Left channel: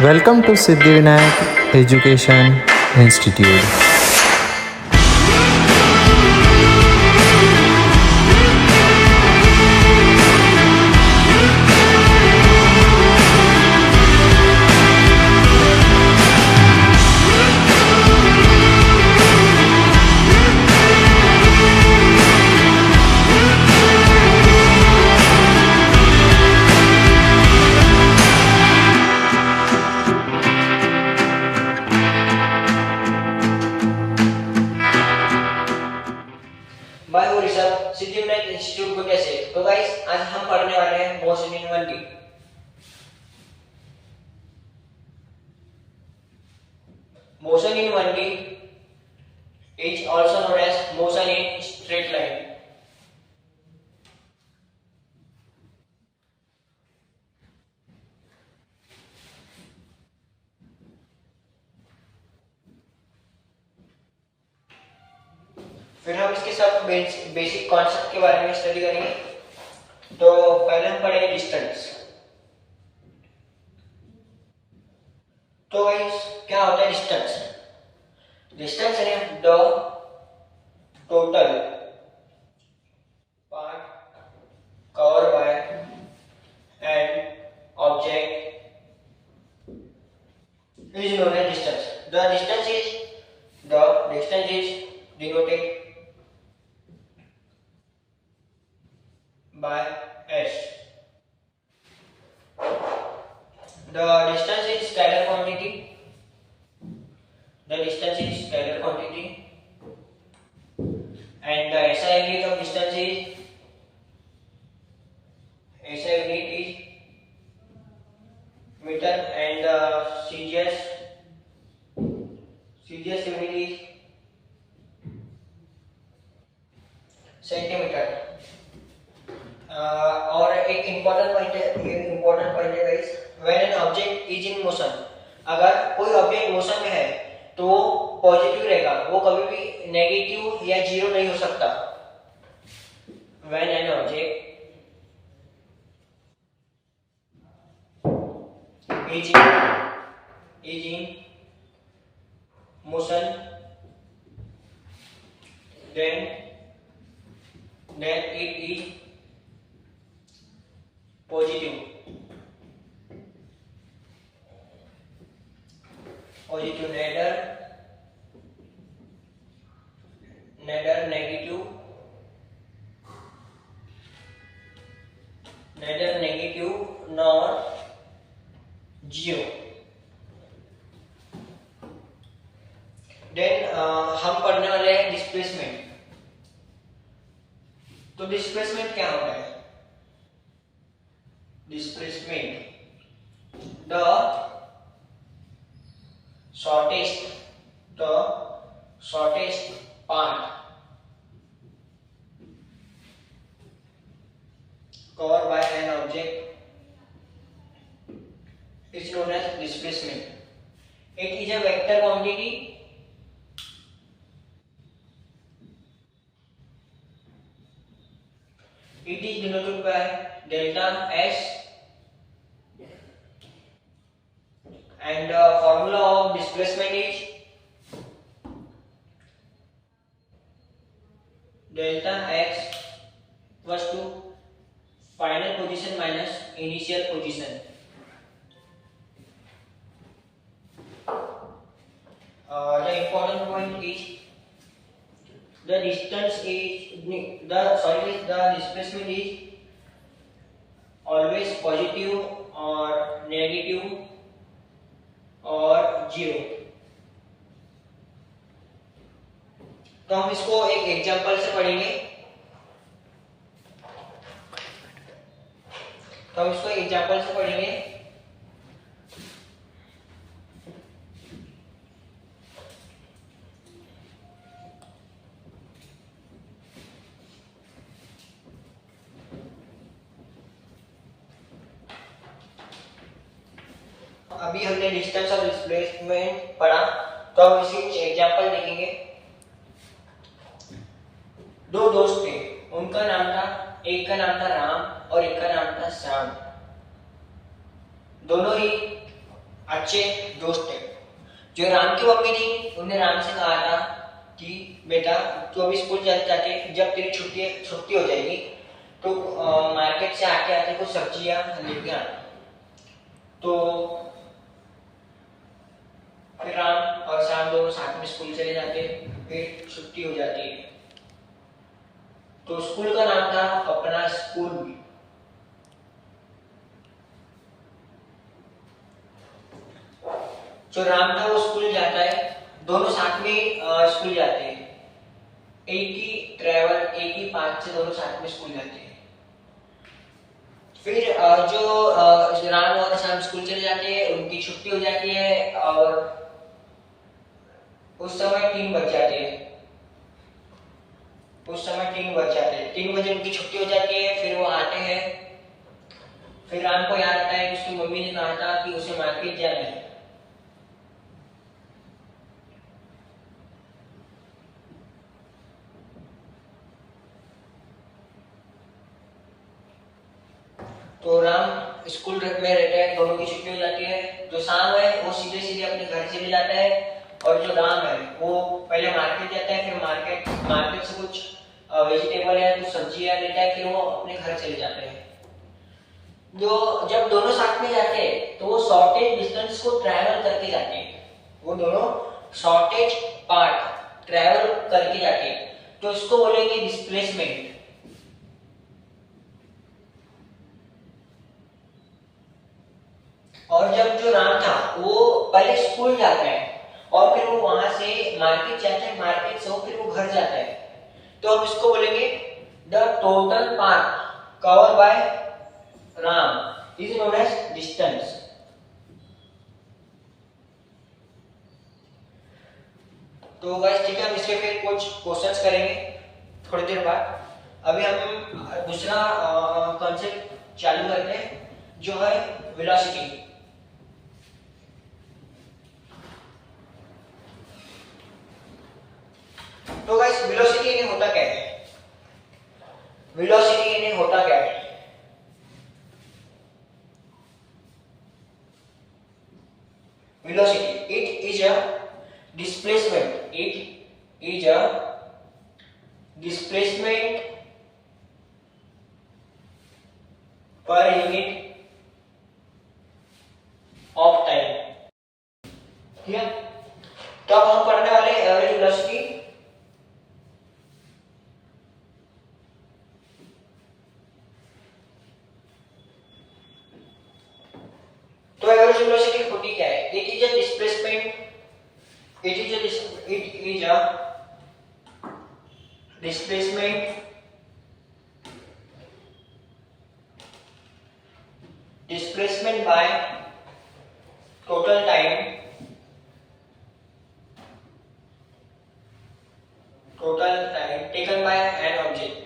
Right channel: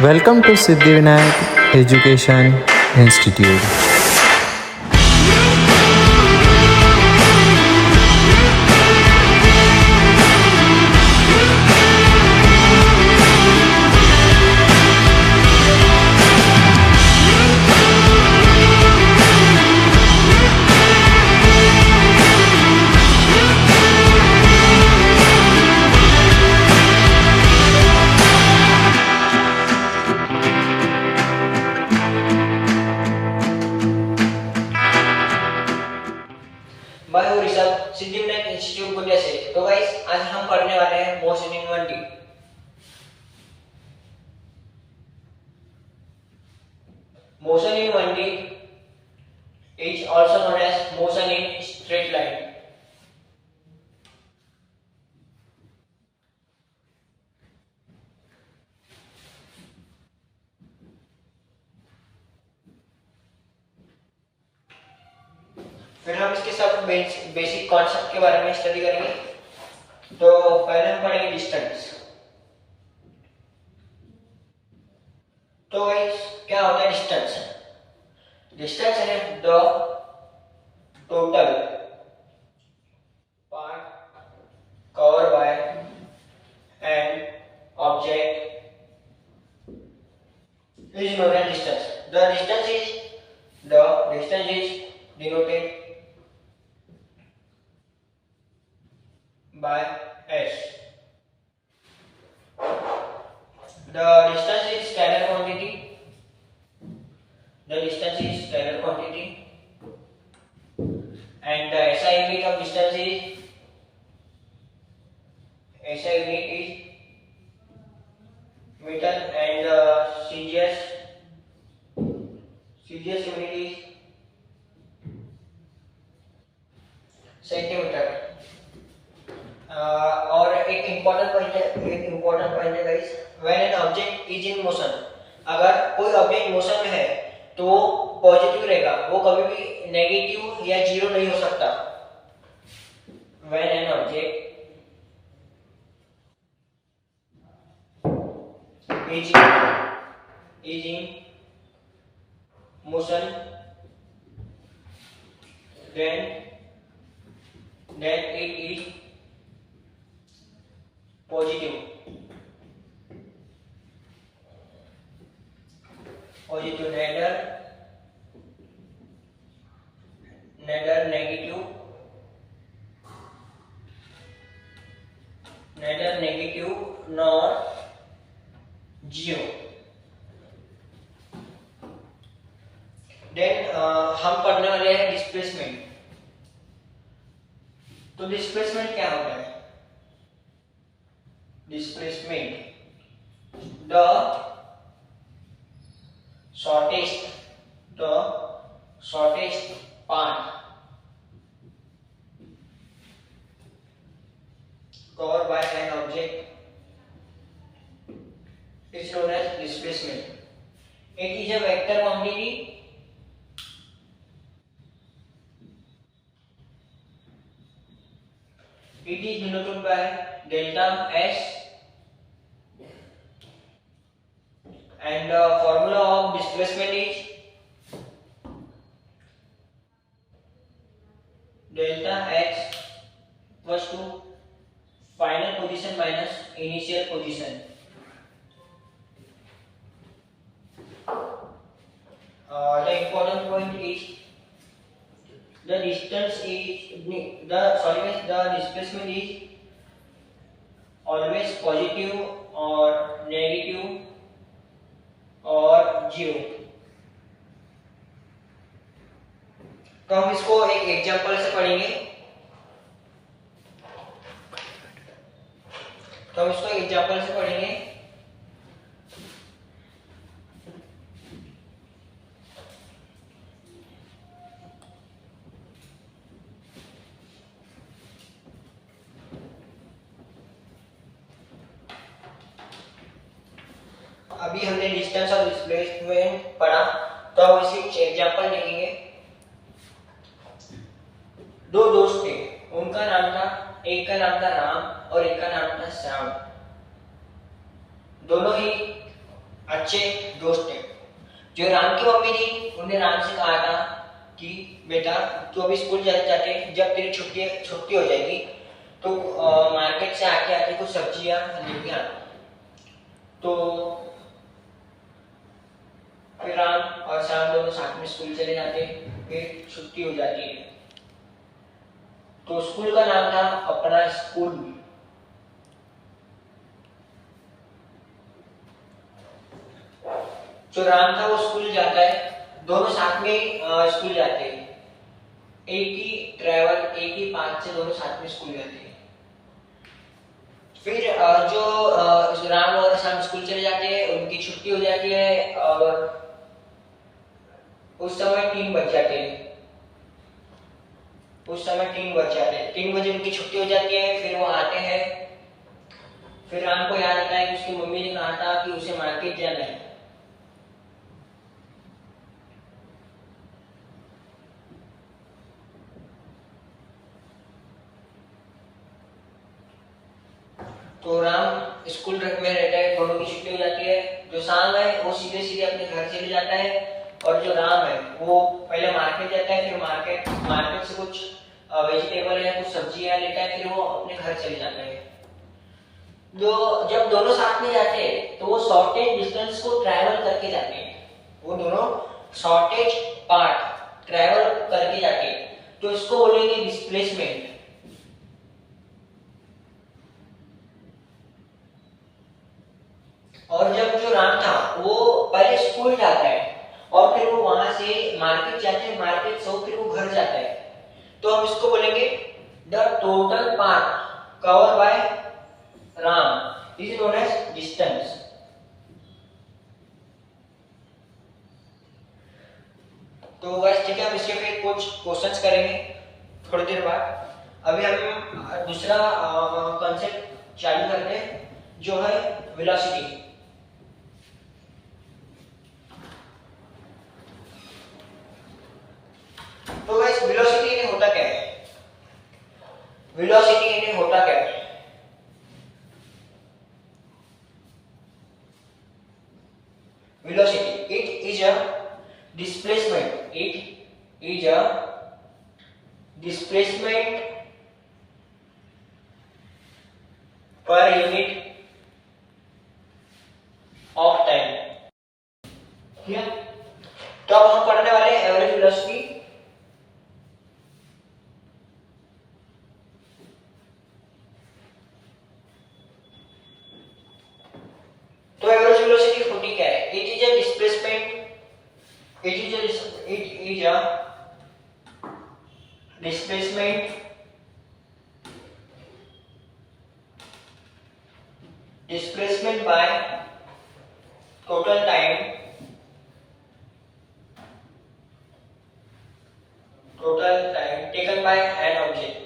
Welcome to Siddhivinayak Education Institute. मैं हूँ Rishabh, Siddhivinayak institute Gondia से। तो गाइस, आज हम पढ़ने वाले हैं motion in 1D। Motion in 1D is also known as motion in straight line. फिर हम इसके साथ बेसिक कॉन्सेप्ट के बारे में स्टडी करेंगे। तो पहले हम पढ़ेंगे डिस्टेंस। तो गाइस, क्या होता है डिस्टेंस? डिस्टेंस है the total part cover by an object is known as distance. The distance is denoted by s. The distance is scalar quantity. The distance is scalar quantity, and the SI unit of distance is meter, and the CGS unit is centimetre. और एक important point है guys, when an object is in motion, अगर कोई object motion में है तो वो positive रहेगा, वो कभी भी नेगेटिव या जीरो नहीं हो सकता। When an object is in motion, then it is positive neither negative nor zero। Then हम पढ़ने वाले हैं डिस्प्लेसमेंट। तो डिस्प्लेसमेंट क्या होता है? Displacement the shortest path covered by an object is known as displacement. It is a vector quantity it is denoted by delta S, and the formula of displacement is delta x equals to final position minus initial position। The important point is the displacement is always positive or negative or zero। तो हम इसको एक example से पढ़ेंगे। अभी हमने distance और displacement पढ़ा, तो अब इसी कुछ एग्जांपल देखेंगे। दो दोस्त थे, उनका नाम था, एक का नाम था राम और एक का नाम था श्याम। दोनों ही अच्छे दोस्त थे। जो राम की मम्मी थी उन्होंने राम से कहा था कि बेटा तू अभी स्कूल जाते जाते जब तेरी छुट्टी छुट्टी हो जाएगी तो मार्केट से आते आते कुछ सब्जियां लेके आना। तो फिर राम और श्याम दोनों साथ में स्कूल चले जाते, फिर छुट्टी हो जाती है। तो स्कूल का नाम था अपना स्कूल। जो राम था वो स्कूल जाता है, दोनों साथ में स्कूल जाते हैं, एक ही ट्रैवल एक ही पाथ से दोनों साथ में स्कूल जाते हैं। फिर जो राम और श्याम स्कूल चले जाते हैं, उनकी छुट्टी हो जाती है और उस समय 3 बज जाते हैं। उस समय 3 बज जाते हैं, 3 बजे उनकी छुट्टी हो जाती है। फिर वो आते हैं, फिर राम को याद आता है कि उसकी मम्मी ने कहा था कि उसे मार्केट जाना है। तो राम स्कूल में रहता है, दोनों की छुट्टी हो जाती है। जो श्याम है वो सीधे सीधे अपने घर चले जाता है और जो राम है वो पहले मार्केट जाता है, फिर मार्केट से कुछ वेजिटेबल है, कुछ सब्जियां लेता है, फिर वो अपने घर चले जाते हैं। जब दोनों साथ में जाते हैं तो वो शॉर्टेज डिस्टेंस को ट्रैवल करके जाते हैं। वो दोनों शॉर्टेज पार्ट ट्रैवल करके जाते हैं, तो इसको बोलेंगे डिस्प्लेसमेंट। और जब जो राम था वो पहले स्कूल जाता है और फिर वो वहां से मार्केट जाते हैं, मार्केट से फिर वो घर जाता है, तो हम इसको बोलेंगे the total path cover by Ram is known as distance. तो गाइस ठीक है, हम इसके पे कुछ क्वेश्चंस करेंगे थोड़ी देर बाद। अभी हम दूसरा कॉन्सेप्ट चालू करते हैं जो है वेलोसिटी। तो गाइस वेलोसिटी इन्हें होता क्या है? वेलोसिटी इन्हें होता क्या है? Velocity, it is a displacement. It is a displacement per unit of time. ठीक है, तो अब हम पढ़ने वाले एवरेज वेलोसिटी। तो एवरेज वेलोसिटी होती क्या है? It is a displacement, it is a displacement by total time taken by an object.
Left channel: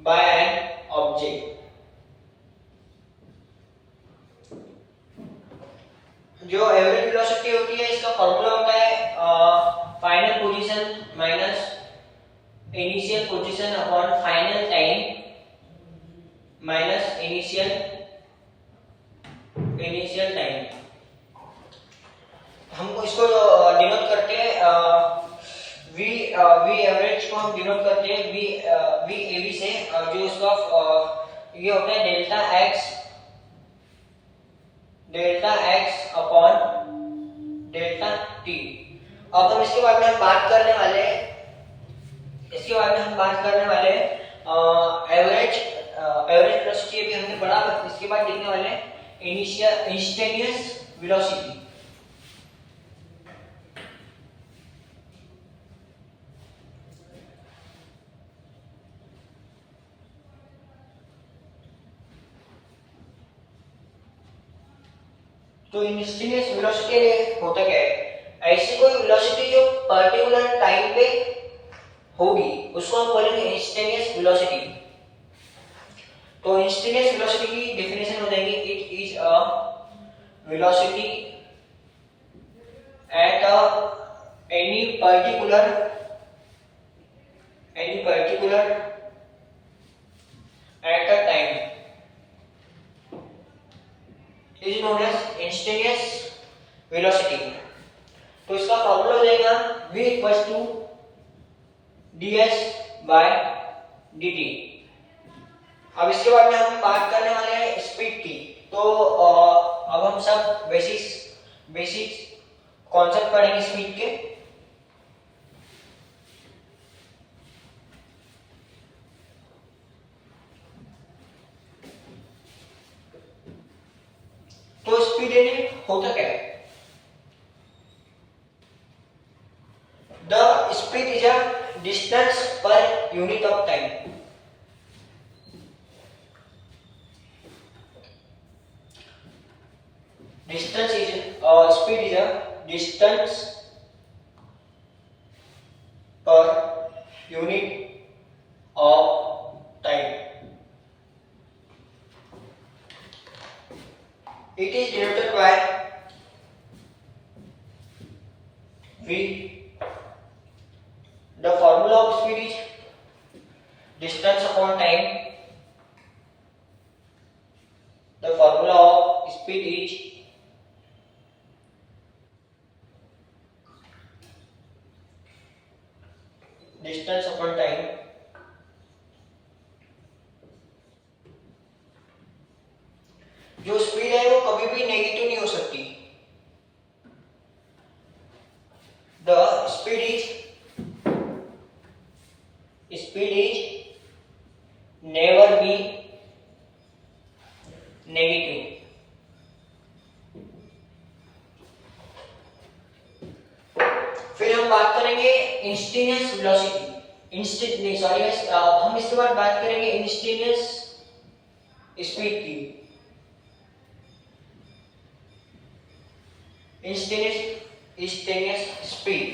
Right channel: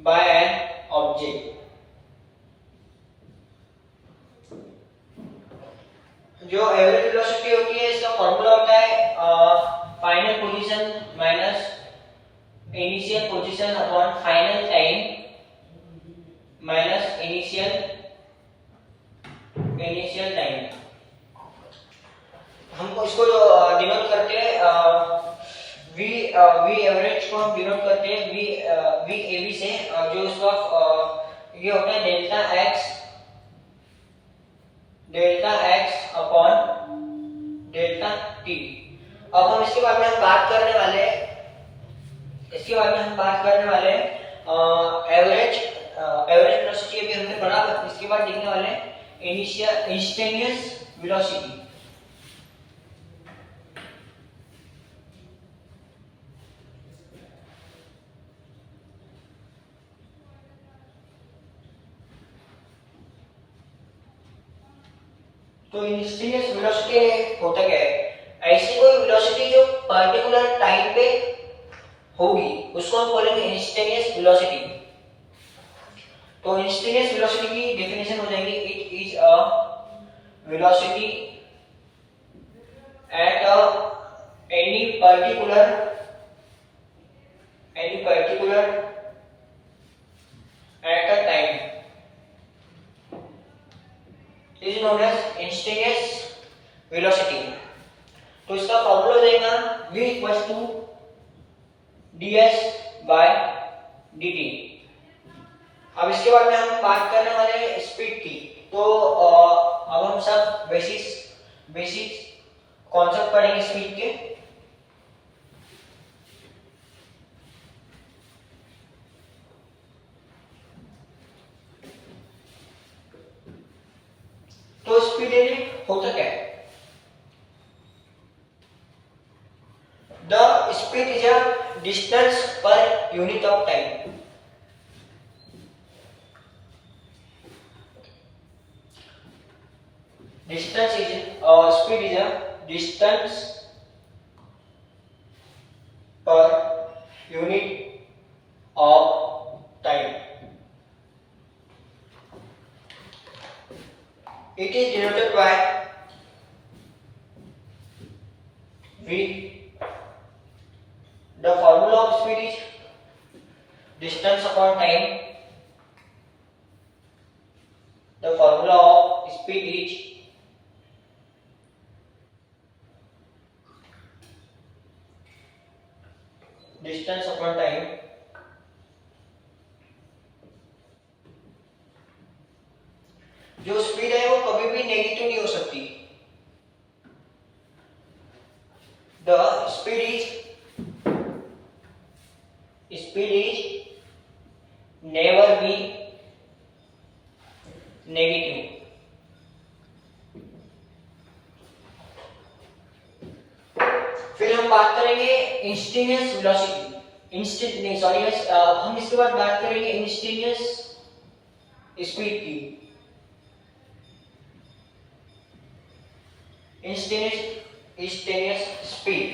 By an object. जो एवरेज वेलोसिटी होती है इसका फॉर्मूला होता है final position minus initial position upon final time minus initial time. हम इसको denote करते हैं वी एवरेज को हम डिनोट करते हैं वी एवी से, जो इसका ये होता है delta x upon delta T. अब हम इसके बारे में हम बात करने वाले एवरेज वेलोसिटी अभी हमने पढ़ा, इसके बाद देखने वाले इंस्टेंटेनियस वेलोसिटी। तो इंस्टेंटेनियस वेलोसिटी होता क्या है? ऐसी कोई वेलोसिटी जो पर्टिकुलर टाइम पे होगी उसको हम बोलेंगे इंस्टेंटेनियस वेलोसिटी। तो इंस्टेंटेनियस वेलोसिटी की डेफिनेशन हो जाएगी it is a velocity at any particular is known as instantaneous velocity. तो इसका फॉर्मूला हो जाएगा v equals to ds by dt। अब इसके बाद में हम बात करने वाले हैं स्पीड की। तो अब हम सब बेसिक कॉन्सेप्ट पढ़ेंगे स्पीड के। तो स्पीड होता क्या है? The speed is a distance per unit of time. Speed is a distance per unit of time. It is denoted by v. The formula of speed is distance upon time. The formula of speed is distance upon time. जो speed है वो कभी भी negative नहीं हो सकती। The speed is never be negative. फिर हम बात करेंगे इंस्टेंटेनियस वेलोसिटी। हम इसके बाद बात करेंगे इंस्टेंटेनियस स्पीड की। Instantaneous speed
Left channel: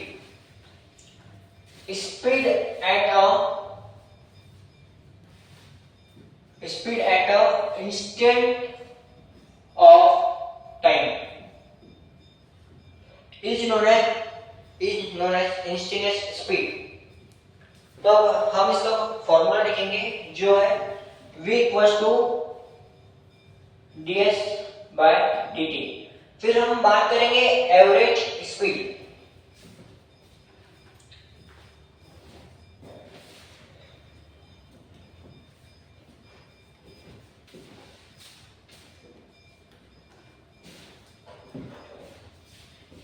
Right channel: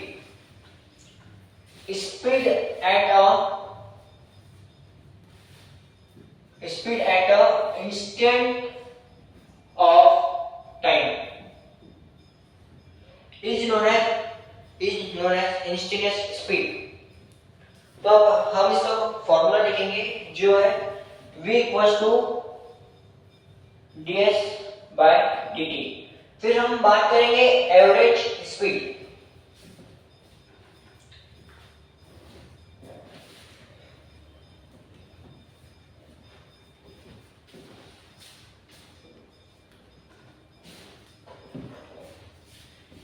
at a instant of time is known as instantaneous speed. तो हम इसका फॉर्मूला लिखेंगे जो है v equals to ds by dt। फिर हम बात करेंगे average speed.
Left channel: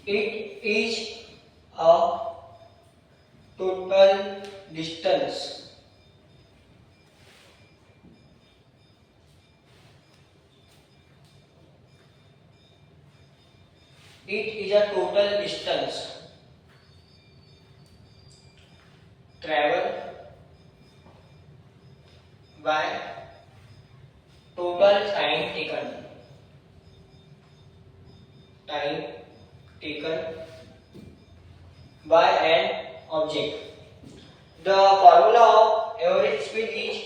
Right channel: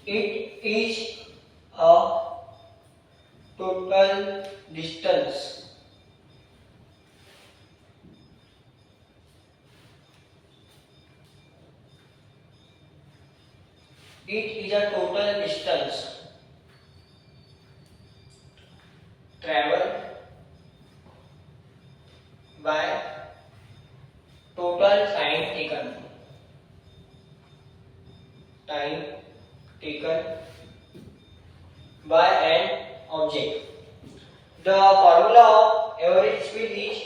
It is a total distance traveled by total time taken by an object. The formula of average speed is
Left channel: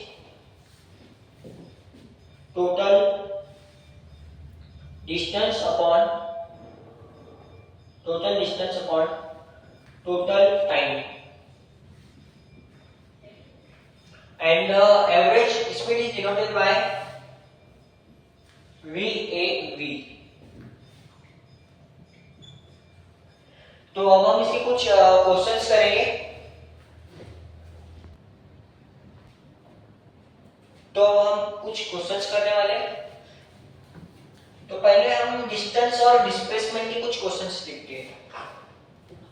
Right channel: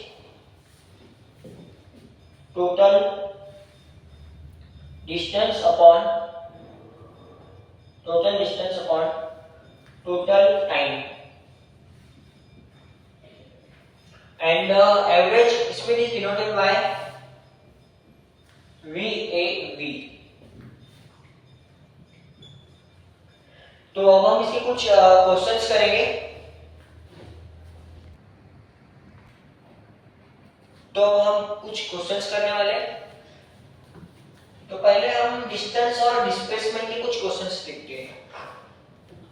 total distance upon total time, and the average speed is denoted by VAV. तो अब हम इसके कुछ questions करेंगे। तो हम कुछ questions करने वाले हैं। तो पहले हम डिस्टेंस और डिस्प्लेसमेंट के कुछ क्वेश्चंस देखते हैं।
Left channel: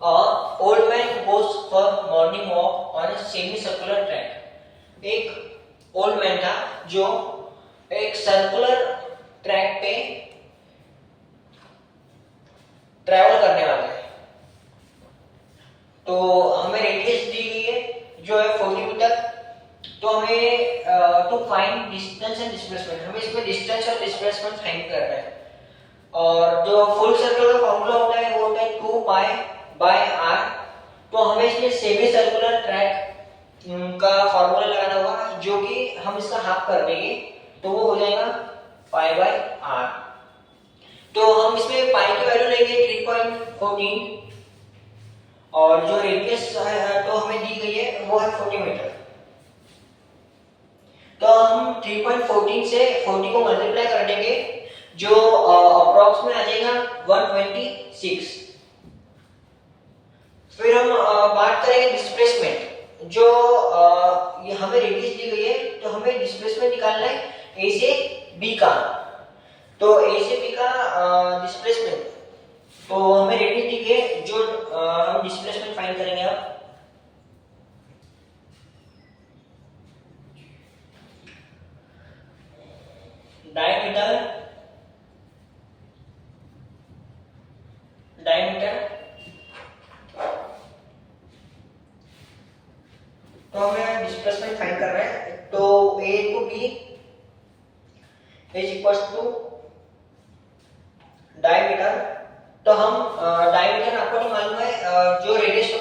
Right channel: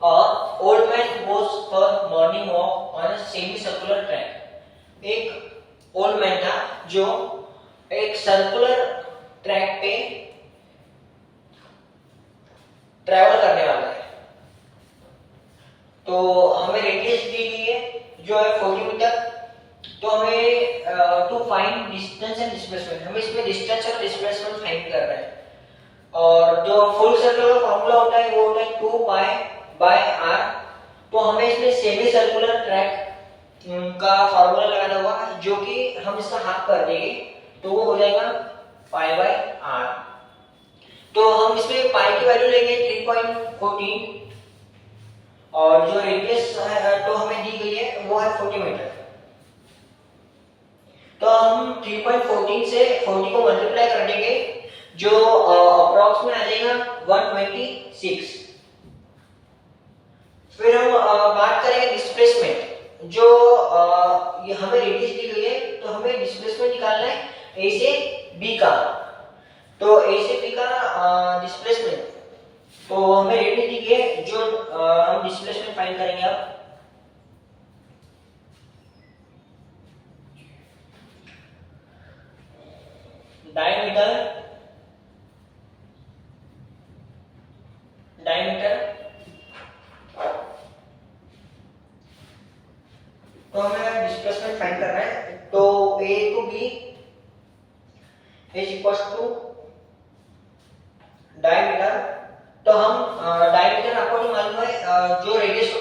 Old man goes for morning walk on a semi circular track. एक ओल्ड मैन था जो एक सर्कुलर ट्रैक पे ट्रैवल करने वाला है। तो हमें रेडियस दी गई है जो है 40 मीटर। तो हमें to find distance and displacement, हमें इसमें डिस्टेंस और डिस्प्लेसमेंट फाइंड करना है। और जो फुल सर्कल का फॉर्मूला होता है वो होता है 2 पाई बाय r। तो हमें इसमें सेमी सर्कुलर ट्रैक का फॉर्मूला लगाना होगा जो कि हम इसका हाफ कर देंगे तो वो हो जाएगा पाई बाय r। तो हम इसमें पाई की वैल्यू लेंगे 3.14 और जो रेडियस तो हमें दी गई है वो है 40 मीटर। तो हम 3.14 से 40 को मल्टीप्लाई कर देंगे जो अप्रॉक्स में आ जाएगा 126। फिर हम बात करेंगे डिस्प्लेसमेंट। जो ये हमें रेडियस दी गई है तो हमें डिस्प्लेसमेंट निकालना है ए से बी का। तो ए से बी का डिस्प्लेसमेंट, तो हमें रेडियस दी गई है, जो हम डिस्प्लेसमेंट फाइंड करेंगे अब। डायमीटर तो हमें डिस्प्लेसमेंट फाइंड करना है। तो A to B is equal to diameter. तो हम डायमीटर आपको नहीं मालूम है, जो रेडियस जो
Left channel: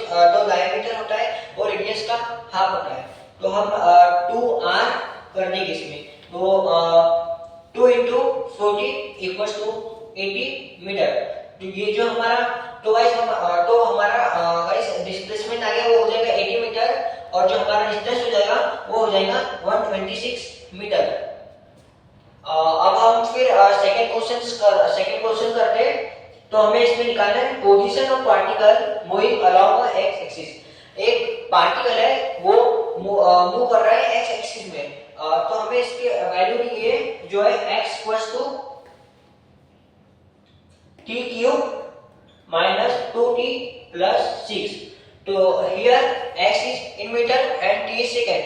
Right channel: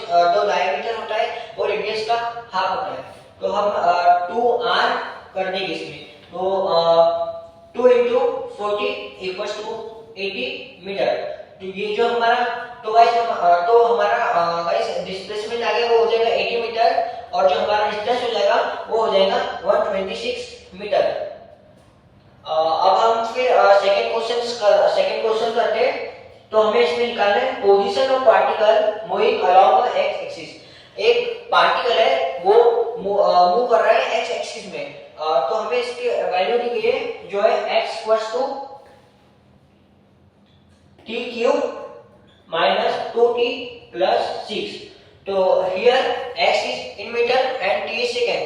डायमीटर होता है वो रेडियस का हाफ होता है। तो हम 2r कर देंगे इसमें। तो 2 into 40 इक्वल टू 80 मीटर। तो ये जो हमारा तो हमारा गाइस डिस्प्लेसमेंट आ गया, वो हो जाएगा 80 मीटर, और जो हमारा डिस्टेंस हो जाएगा वो हो जाएगा 126 मीटर। अब हम फिर सेकंड क्वेश्चन करते हैं। तो हमें इसमें निकालना है position of particle moving along x axis. एक पार्टिकल है वो मूव कर रहा है एक्स एक्सिस में। तो हमें इसकी वैल्यू दी गई है जो है x = t cube minus 2t plus 6। तो here x is in meter and t is second।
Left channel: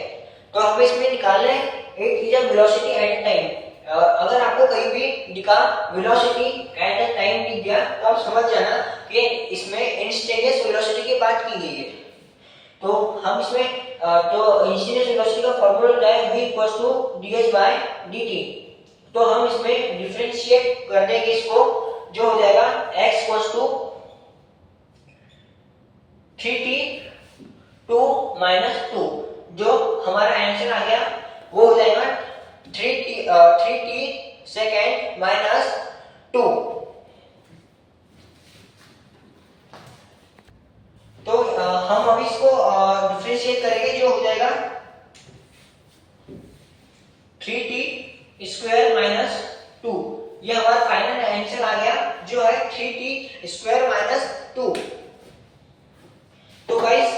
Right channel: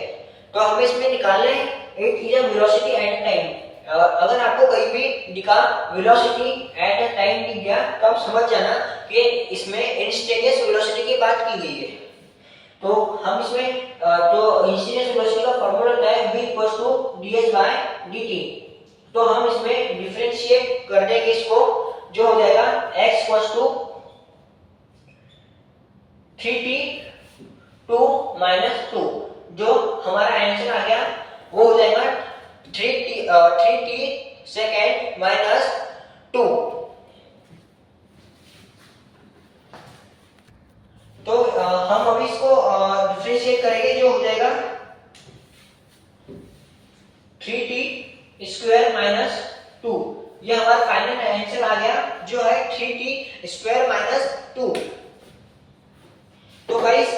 तो हमें इसमें निकालना है it is a velocity at time। अगर आपको कहीं भी दिखा वेलोसिटी एट अ टाइम दिख गया तो आप समझ जाना कि इसमें इंस्टेंटेनियस वेलोसिटी की बात की गई है। तो हम इसमें तो इंस्टेंटेनियस वेलोसिटी का फार्मूला होता है v = ds/dt। तो हम इसमें डिफरेंशिएट कर देंगे इसको, जो हो जाएगा x = 3t2 - 2। जो हमारा आंसर आ गया वो हो जाएगा 3t सेकेंड माइनस 2। तो हम अभी इसको डिफरेंशिएट करेंगे, जो हो जाएगा 3t² - 2। ये हमारा फाइनल आंसर आ गया जो है 3t² - 2। तो गाइस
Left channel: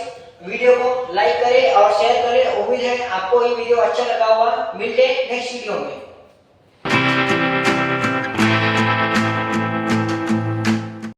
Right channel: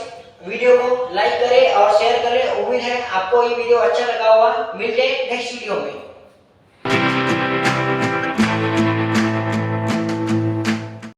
वीडियो को लाइक करें और शेयर करें। उम्मीद है आपको ये वीडियो अच्छा लगा होगा। मिलते हैं नेक्स्ट वीडियो में।